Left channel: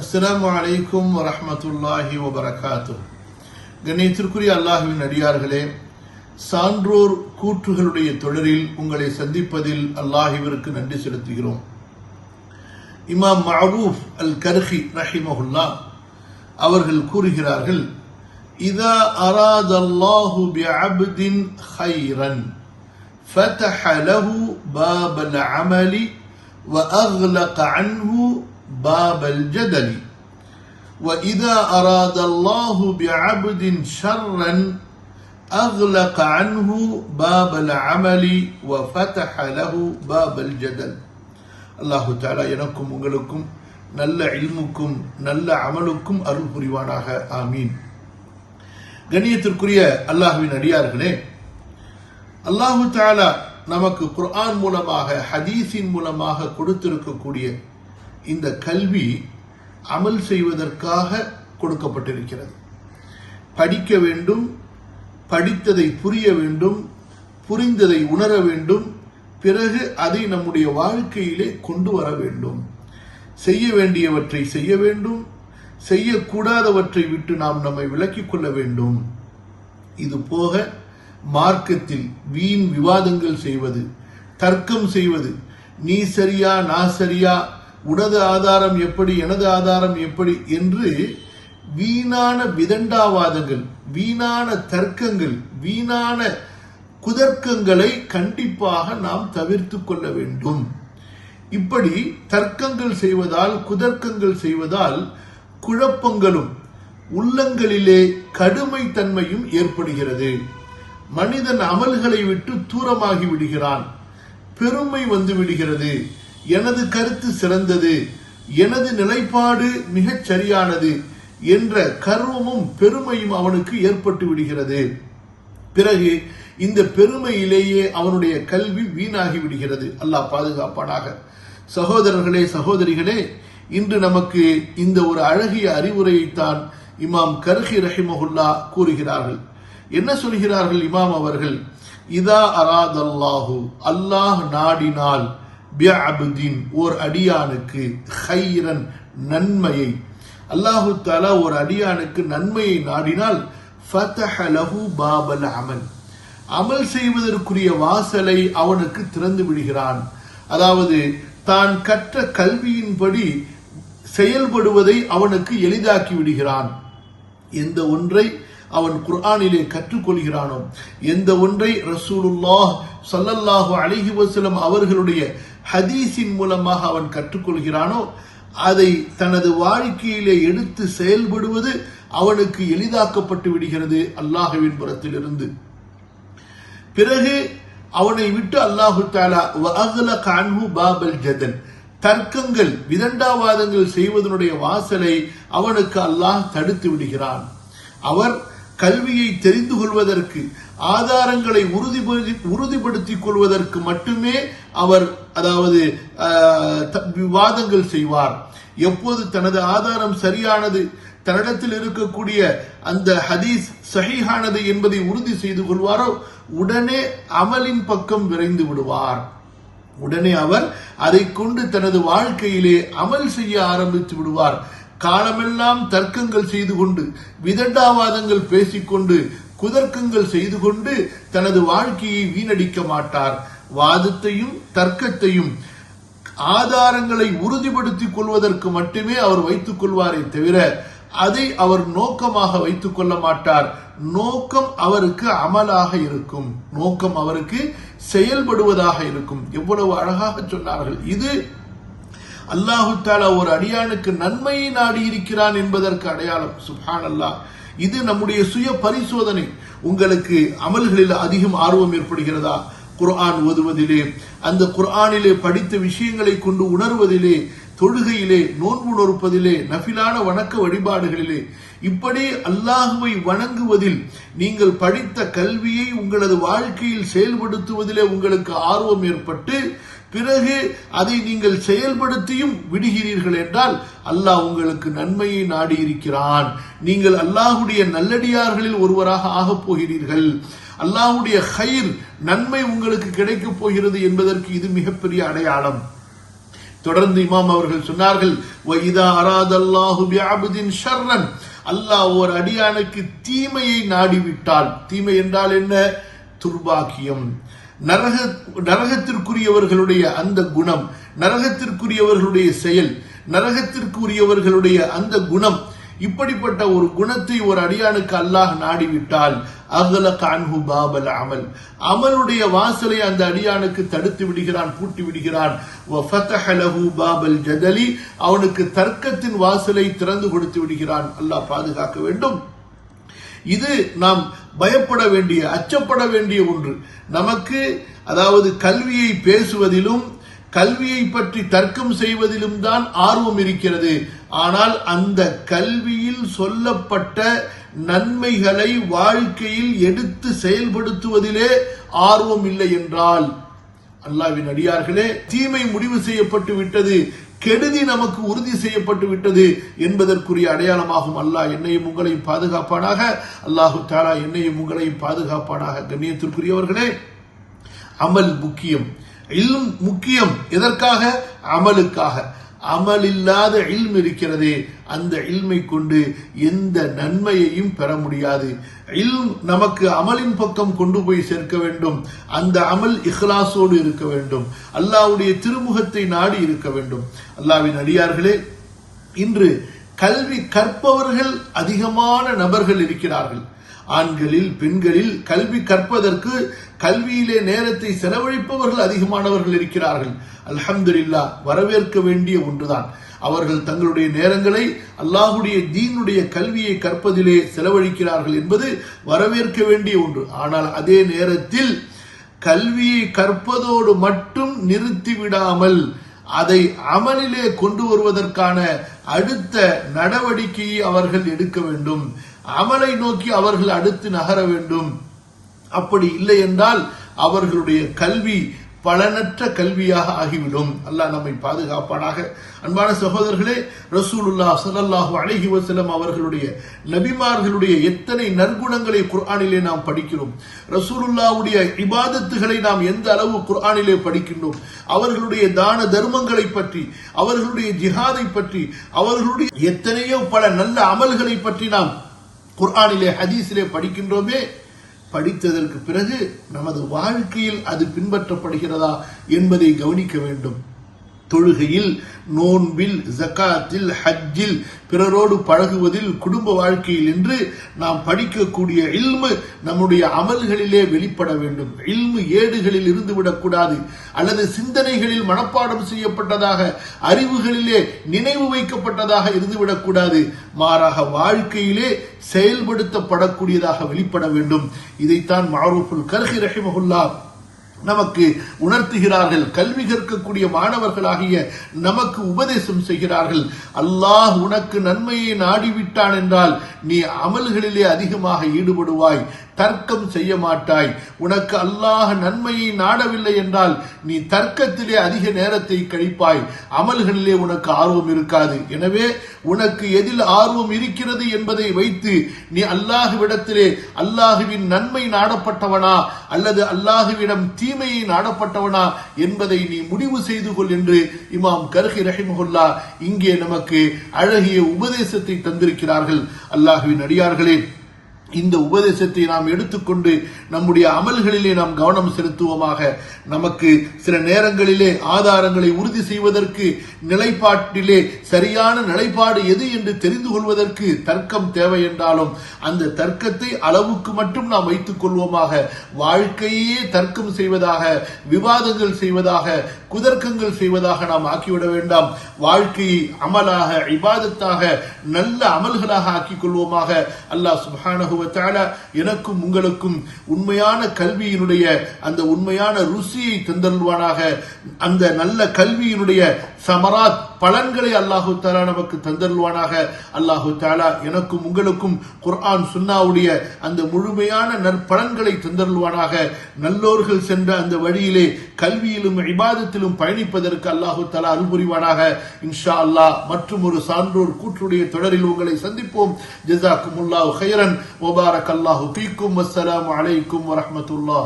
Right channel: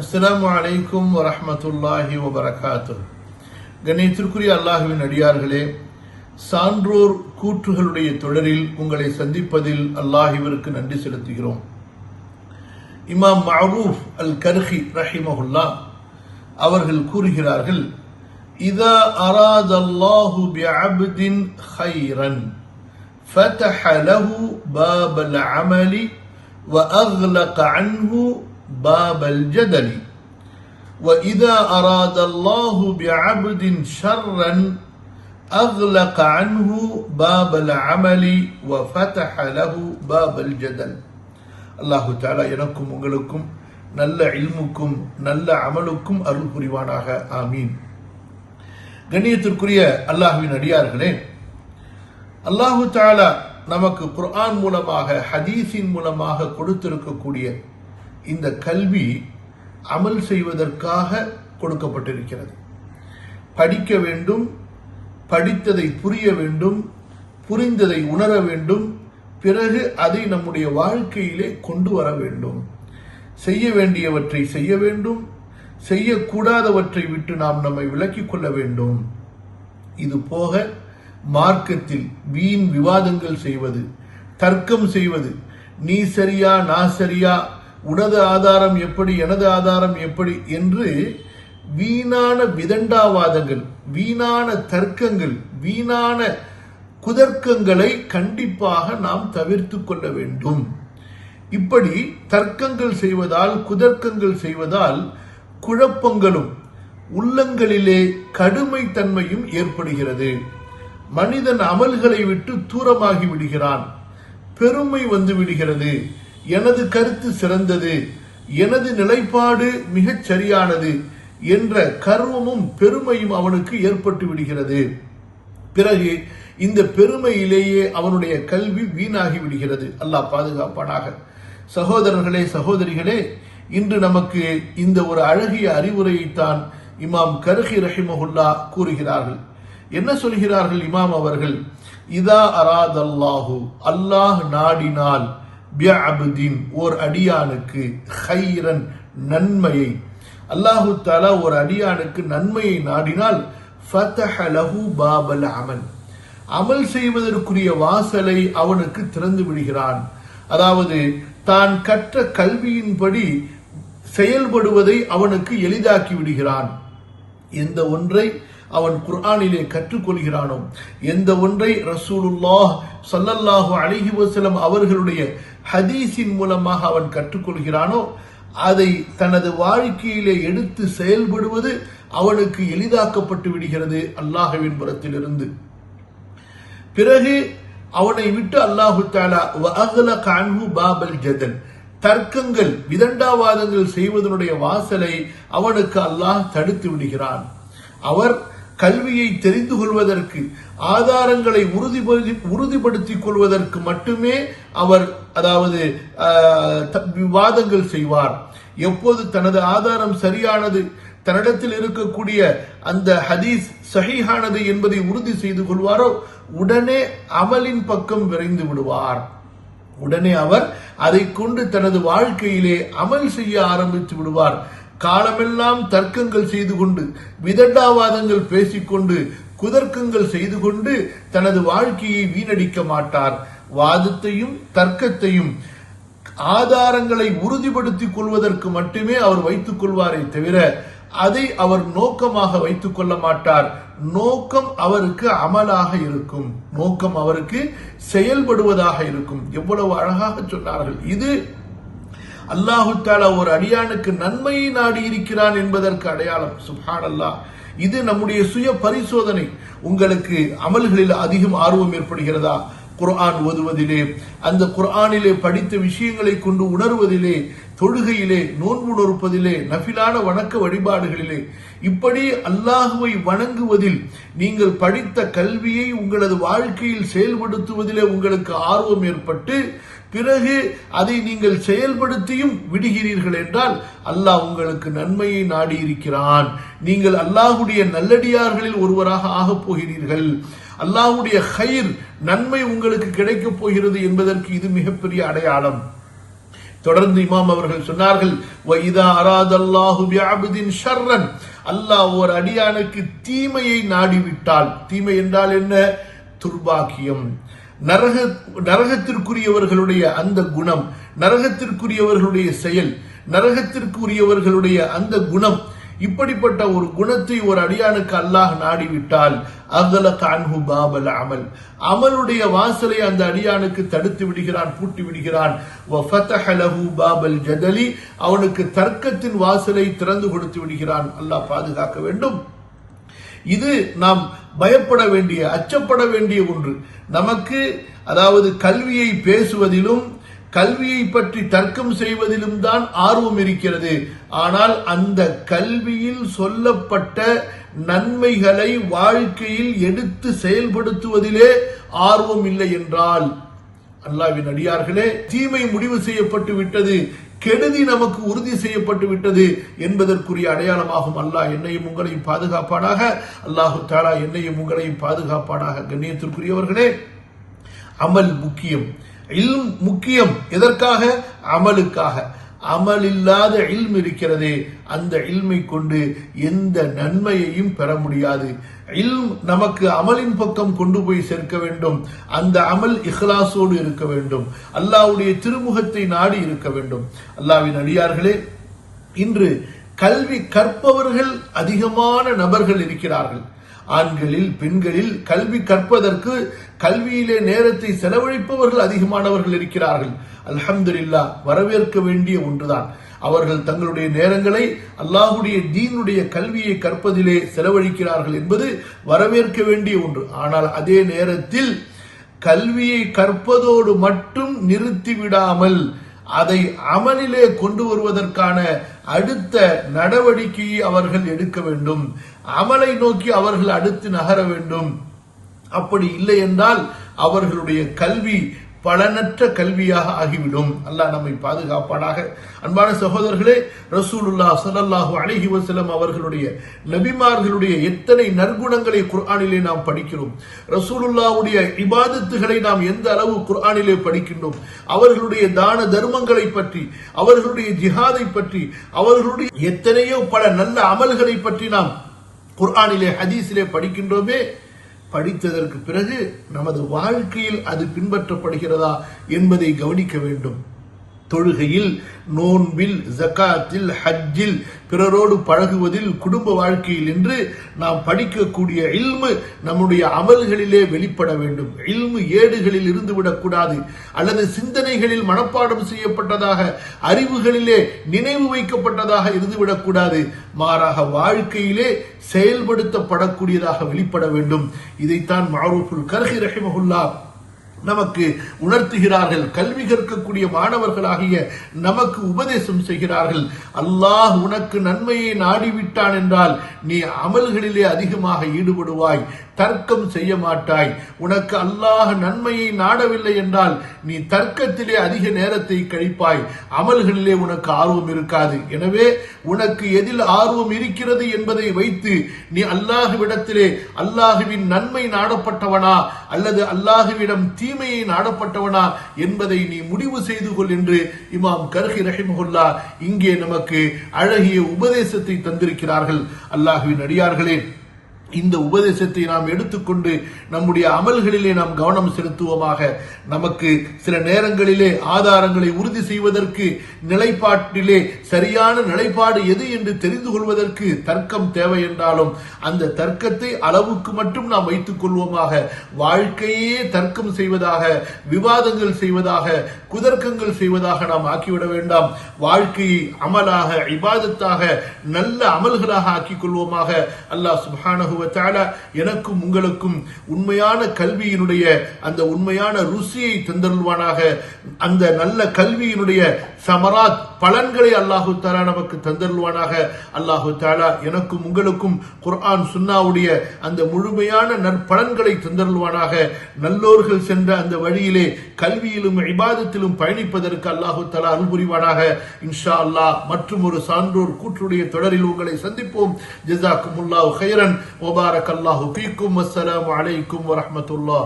அஸ்ஸலாமு அலைக்கும் வரஹ்மத்துல்லாஹி வபரகாத்துஹ். கண்ணியத்திற்குரிய அல்லாஹ்வின் அடியார்களே, சான்றோர் கூற்றுகளுடைய தொடரில் உங்களை சந்திப்பதில் அல்லாஹ்விற்கு நன்றி செலுத்துகிறோம். இமாம் மஅரூஃப் அல் கர்ஹி ரஹிமஹுல்லாஹ் அவர்கள் கூறுகிறார்கள், இதா அராதல்லாஹு பிஅப்தின் கைரன் ஃபதஹ லஹு பாபல் அமலி வஅக்லக அன்ஹு باب الجدل وإذا أراد الله بعبد شرا أغلق عنه باب العمل وفتح له باب الجدل. அல்லாஹு தஆலா எனக்கும் உங்களுக்கும் நல்ல இல்முக்கும் நல்ல அமலுக்கும் அருள் புரிவானாக. ஆமீன். கண்ணியத்திற்குரிய அல்லாஹ்வின் அடியார்களே, அல்லாஹு தஆலா நமக்கு குர்ஆன் மூலமாக ஹதீஸின் மூலமாக கொடுத்திருக்கக்கூடிய இந்த கல்வி அமல் செய்வதற்காக கொடுக்கப்பட்டிருக்கிறது. படிக்க வேண்டும், படித்ததை புரிய வேண்டும், புரிந்ததை உணர வேண்டும், பிறகு அதை நம்முடைய வாழ்க்கையிலே கொண்டு வர வேண்டும். செய்ய வேண்டியவற்றை செய்ய வேண்டும், செய்யக்கூடாதவற்றை விட்டு நாம் நம்மை விலக்கிக் கொள்ள வேண்டும். இது போக மார்க்கத்தில் வீண் விவாதங்கள் செய்வது, தர்க்கம் செய்வது, நீ சரியா நான் சரியா, உனது ஆதாரம் எப்படி எனது ஆதாரம் எப்படி என்று வீணான விதண்டாவாதங்கள், வீணான தர்க்கங்கள், வீணான குதர்க்கங்களை கண்டிப்பாக நாம் தவிர்த்து கொள்ள வேண்டும். இப்படி தர்க்கங்கள் செய்வதால், குதர்க்கங்கள் செய்வதால் குழப்பங்களும் உள்ளங்களிலே கடுமைத்தன்மையும் ஏற்படுகிறது. மனிதன் அமல்களை விட்டு தூரமாகி விடுகிறான். பெருமை வந்து விடுகிறது. எனது கருத்து சிறந்தது, எனது நிலைப்பாடு மிகச் சரியானது என்ற கர்வமும் பெருமையும் அவனுக்கு ஏற்பட்டு விடுகிறது. பிறகு இந்த பெருமையிலேயே அவனுடைய கல்வி வீணாகி விடுகிறது. அல்லாஹ் பாதுகாப்பானாக. சகோதரர்களே, சகோதரிகளே, இன்று நமக்கு இந்த ஒரு அழகிய அறிவுரையைத்தான் இமாம் கர்ஹி ரஹிமஹுல்லாஹ் கூறுகிறார்கள். என்ன சொல்கிறார்கள் இமாம் அவர்கள்? இதா அராதல்லாஹு, அல்லாஹ் நாடினால், பிஅப்தின் ஓர் அடியானுக்கு, கைரன் நன்மையை, அல்லாஹு தஆலா ஒரு அடியானுக்கு நன்மையை நாடினால், ஃபதஹ லஹு பாபல் அமல், அமல் செய்வதற்குரிய வாசலை அவனுக்கு திறந்து விடுகிறான். அதாவது தான் கற்ற கல்வியின்படி செயல்படுவதை அவனுக்கு எளிதாக்கி விடுகிறான். எந்த ஒன்றை அவன் குர்ஆனிலே கற்றுக்கொள்கிறானோ, எந்த ஒன்றை ரசூலுல்லாஹ் ஸல்லல்லாஹு அலைஹி வஸல்லம் அவர்களுடைய ஹதீஸின் மூலமாக அவன் கற்றுக்கொள்கிறானோ, அதை தனது வாழ்க்கையிலே எடுத்து செயல்படுவது அவனுக்கு எளிதாக்கப்பட்டு விடுகிறது அல்லாஹ்வின் புறத்திலிருந்து. பிறகு அவனை விட்டு அல்லாஹு தஆலா வஅக்லக அன்ஹு பாபல் ஜதல், தர்க்கங்கள் விதண்டாவாதங்கள் செய்வதனுடைய வாசலை அவனுக்கு அல்லாஹ் தடுத்து விடுகிறான். அவர் கல்வியை தெரிந்து கொள்வதற்கு, ஆதாரங்களை உறுதிப்படுத்திக் கொள்வதற்கு மட்டுமே அவர் விவாதங்கள் செய்வார். எப்போது தனது ஆதாரம் சரியானது, தன்னிடத்தில் இருக்கக்கூடிய அந்த ஹதீஸ் சஹீஹானது என்பதை உறுதி செய்து கொள்வாரோ, உடனே அமலின் பக்கம் விரைந்து விடுவார். உடனே அவர் அதை கொண்டு தனது வாழ்க்கையிலே அமல் செய்ய ஆரம்பித்து விடுவார். காலமெல்லாம் தர்க்கங்கள் செய்து கொண்டு, விதண்டாவாதங்கள் பேசிக்கொண்டு, குதர்க்கங்கள் செய்து கொண்டு தனது வாழ்க்கையை வீணடிக்க மாட்டார். வாதத்தையும் தர்க்கத்தையும் ஆதாரங்களை உறுதிப்படுத்திக் கொள்வதற்கு மட்டுமே அவர் வைத்துக் கொள்வாரை தவிர அதை அவர் நோக்கமாக வைத்துக் கொள்ள மாட்டார். நோக்கம் அவருக்கு அமலாக இருக்கும், நோக்கம் அவருக்கு செயல்படுவதாக இருக்கும். எவ்வளவு அழகாக சொன்னார்கள். இது அல்லாஹு தஆலா ஒரு அடியானுக்கு நன்மையை நாடி இருக்கிறான் என்பதற்கு அடையாளம். சுப்ஹானல்லாஹ். இது நம்முடைய சுய பரிசோதனை. உங்களுக்கு அமல்களில் அதிகம் ஆர்வம் ஏற்படுகிறதா? குர்ஆன் ஓதுவதிலே, அந்த குர்ஆனிலே படித்த விஷயங்களை கொண்டு உணர்வதிலே, தொழுகையிலே, நோன்பு நோற்பதிலே, நஃபிலான வணக்க வழிபாடுகளிலே, இப்படி அல்லாஹுவை வணங்குவதில், நீங்கள் படித்த கல்வியை உங்களது வாழ்க்கையில் செயல்படுத்துவதிலே உங்களுக்கு ஆர்வம் ஏற்பட்டு, பிறகு அதை நீங்கள் செயல்படுத்தியும் விடுகிறீர்கள் என்றால் அல்லாஹ் உங்களுக்கு நன்மையை நாடி இருக்கிறான். நீங்கள் அல்லாஹ்வுடைய நல்லடியார்களில் ஒருவராக ஆகப் போகிறீர்கள். அல்லாஹ்வுடைய கைர், நன்மை உங்களுக்கு கிடைக்கப் போகிறது என்பதற்கு இது மிகப்பெரிய அடையாளம். தொடர்ந்து இமாம் அவர்கள் சொன்னார்கள், வைதா அராதல்லாஹு பிஅப்தின் ஷர்ரன், அல்லாஹ் ஒரு அடியானுக்கு தீமையை நாடிவிட்டால், தீமை என்றால் என்ன? துர்பாக்கியம், நரகத்திற்குரியவர்களுடைய அந்த குணம், நரகத்திற்குரியவர்களுடைய செயல், நரகத்திற்குரியவர்களுடைய அந்த குணம், இப்படிப்பட்ட ஒரு குணத்தை ஒரு அடியானுக்கு அல்லாஹ் நாடிவிட்டால் அகலக அன்ஹு பாபல் அமல், அமலுடைய வாசலை அந்த அடியானுக்கு தடுத்து விடுகிறான், பூட்டி விடுகிறான். வஃபதஹ லஹு பாபல் ஜதலி, அவனுக்கு தர்க்கத்தின் வாசலை திறந்து கொடுத்து விடுகிறான். அல்லாஹ் பாதுகாக்க வேண்டும். இது நாம் பயப்பட வேண்டிய, அச்சப்பட வேண்டிய ஒன்று. நமக்கு அதாவது கல்வியை பேசுவதிலும் கல்வியை பற்றி தர்க்கம் செய்வதிலும் தான் ஆர்வம் இருக்கிறது. ஆனால் அந்த கல்வியில் சொல்லப்பட்ட நன்மைகளை வாழ்க்கையில் எடுத்து செயல்படுத்துவதிலே ஆர்வம் இல்லை என்றால், அல்லாஹ்வின் அடியார்களே, தீமை முடிவு செய்யப்பட்டு விட்டது, கெடுதி நமக்கு உறுதி செய்யப்பட்டு விட்டது என்பதற்குரிய அடையாளமாகும். அல்லாஹ் என்னையும் உங்களையும் பாதுகாப்பானாக. அல்லாஹு தஆலா என்னையும் உங்களையும் பாதுகாப்பானாக. கண்ணியத்திற்குரியவர்களே, அமல் முக்கியம், இல்ம் முக்கியம். எதற்காக? அமலுக்காக. அமல் இல்லாத இல்ம் இருக்கிறதே, அந்த இல்மை கொண்டு எந்த நன்மையையும் பெற முடியாது. இல்ம் நமக்கு அமலின் பக்கம் கொண்டு போய் சேர்க்க வேண்டும். அந்த அமல் இஹ்லாஸோடு இருக்க வேண்டும், அல்லாஹ்வுடைய திருமுகத்தை நாடி இருக்க வேண்டும். அல்லாஹ்வின் அடியார்களே, இன்று கல்வி கற்பவர்கள் அதிகமான நபர்கள் இருக்கிறார்கள். ஆண்களில் பெண்களில் கல்வி கற்பதற்கு, கல்வியிலே நேரத்தை செலவழிப்பவர்கள் அதிகமானவர்கள் இருக்கிறார்கள். அல்ஹம்துலில்லாஹ், வரவேற்க வேண்டிய ஒன்றுதான். அவர்கள் தங்களுடைய நேரங்களை அல்லாஹ்வுடைய தீனுடைய கல்வியை கற்பதிலே செலவழிக்கிறார்கள் என்பது வரவேற்க வேண்டிய ஒன்று. ஆனால் அதே நேரத்தில் கல்வியை கற்பதோடு மட்டும் நிறுத்திவிடாமல் அதை அமலிலே கொண்டு வருவதற்கான அடுத்த நடவடிக்கையை அவர்கள் எடுக்க வேண்டும். அமலை நோக்கி அவர்கள் அடுத்து நகர வேண்டும். அப்படி இல்லை என்றால் அவர்களுடைய கல்வி பலனற்ற கல்வியாக ஆகிவிடும். அல்லாஹ் நம்மை பாதுகாப்பானாக. அன்பான சகோதரர்களே, ரசூலுல்லாஹ் ஸல்லல்லாஹு அலைஹி வஸல்லம் அவர்களுடைய, நபிமார்களுடைய எத்தனை நற்குணங்களை குர்ஆனிலே நாம் படிக்கிறோம். ரசூலுல்லாஹ்வுடைய இபாதத்துகளை நாம் எந்த அளவு குர்ஆனிலே படிக்கின்றோம். அவர்களுடைய தான தர்மங்களை பற்றி, அவர்களுடைய ஜிஹாதை பற்றி, அவர்களுடைய எத்தனையோ பல நல்ல அமல்களை பற்றி நாம் குர்ஆனிலே, ஹதீஸிலே படிக்கின்றோமே. படித்ததற்கு பிறகு நமது வாழ்க்கையில் அது பின்பற்றப்படுகிறதா என்பதை கவனிக்க வேண்டும். தொழுகையில், நோன்பில், ஜகாத்தில், ஹஜ்ஜில், பிறரோடு பழகுவதில், குடும்ப வாழ்க்கையில் என்று நாம் படிக்கக்கூடிய இல்மு நம்முடைய அமல்களிலே வெளிப்பட வேண்டும். இல்மு ஏடுகளில் இருந்து விடக்கூடாது, அல்லது சிந்தனைகளில் மனப்பாடம் செய்யப்பட்டதாக, அறிவுகளிலே நினைவு வைக்கப்பட்டதாக இருந்துவிடக்கூடாது. மாறாக வாழ்க்கையிலே செயல்படுத்தப்படக்கூடியதாக வெளிப்பட வேண்டும். இதைத்தான் மஅரூஃபுல் கர்ஹி ரஹிமஹுல்லாஹ் நமக்கு உணர்த்துகிறார்கள். கல்வி கற்கக்கூடிய மாணவர்களாகிய நமக்கு உபதேசம் செய்கிறார்கள். அல்லாஹ் உனக்கு நன்மையை நாடிவிட்டான் என்றால் நீ அமல்களிலே அதிகமாக ஈடுபடுவாய், தர்க்கம் செய்ய மாட்டாய். உனக்கு அல்லாஹ் நன்மையை நாடவில்லை என்றால் நீ தர்க்கத்திலே அதிக நேரத்தை கழிப்பாய், அமல்களிலே உனக்கு ஆர்வம் இருக்காது. எனவே உனக்கு எதில் ஆர்வம் இருக்கிறது என்பதை வைத்து நீ அல்லாஹ்விடத்திலே அல்லாஹுவின் நன்மை நாடப்பட்டவனா அல்லது அல்லாஹுவிடம் தீமையை நாடப்பட்டவனா என்பதை நீ முடிவு செய்து கொள் என்று இமாம் கர்ஹி ரஹிமஹுல்லாஹ் இங்கே நமக்கு அழகிய உபதேசத்தை தந்திருக்கிறார்கள். அல்லாஹுவின் அடியார்களே, இந்த உபதேசத்தை நாம் எடுத்துக்கொண்டு நம்முடைய அமல்களிலே நாம் கவனம் செலுத்துவோமாக. நமக்கு சில நேரங்களிலே ஆதாரங்களை உறுதி செய்வதற்கு, நிலைப்பாட்டிலே சரியான நிலைப்பாடு எது என்று தெரிந்து கொள்வதற்கு தர்க்கம் தேவை என்றாலும் அந்த தர்க்கத்தை அளவுக்கு மட்டும் நாம் வைத்துக் கொள்வோமாக. வாழ்க்கையே தர்க்கம் செய்வதாக, விவாதங்கள் செய்வதாக, குதர்க்கங்கள் செய்வதாக நாம் ஆக்கிவிட வேண்டாம். வாழ்க்கையை அமலாக, இபாதத்தாக, நல்ல அமல்களாக ஆக்கிக் கொள்வோமாக. அல்லாஹ் சுப்ஹானஹு வ தஆலா எனக்கும் உங்களுக்கும் உண்மையான கல்வியினுடைய அந்த உண்மையான ருசியை தந்தருள்வானாக. அந்த நல்ல கல்வியினுடைய சமராத் பலன்களை அல்லாஹு தஆலா நமக்கு தந்தருள்வானாக. அல்லாஹு தஆலா எனக்கும் உங்களுக்கும் குர்ஆன் சுன்னாவுடைய அந்த முழுமையான நற்பலன்களை தந்தருள்வானாக. நல்லோர்கள் சென்ற அந்த வழியிலே கல்வியிலும் இபாதத்திலும் பயணிப்பதற்கு அல்லாஹு தஆலா அருள் புரிவானாக. இன்ஷா அல்லாஹ் மற்றும் ஒரு சான்றோர் கூற்றுடைய தொடரில் உங்களை சந்திப்போம். ஜஸாக்குமுல்லாஹு கைரன் வ பாரக்கல்லாஹு ஃபீக்கும். வஸ்ஸலாமு அலைக்கும் வரஹ்மத்துல்லாஹ்.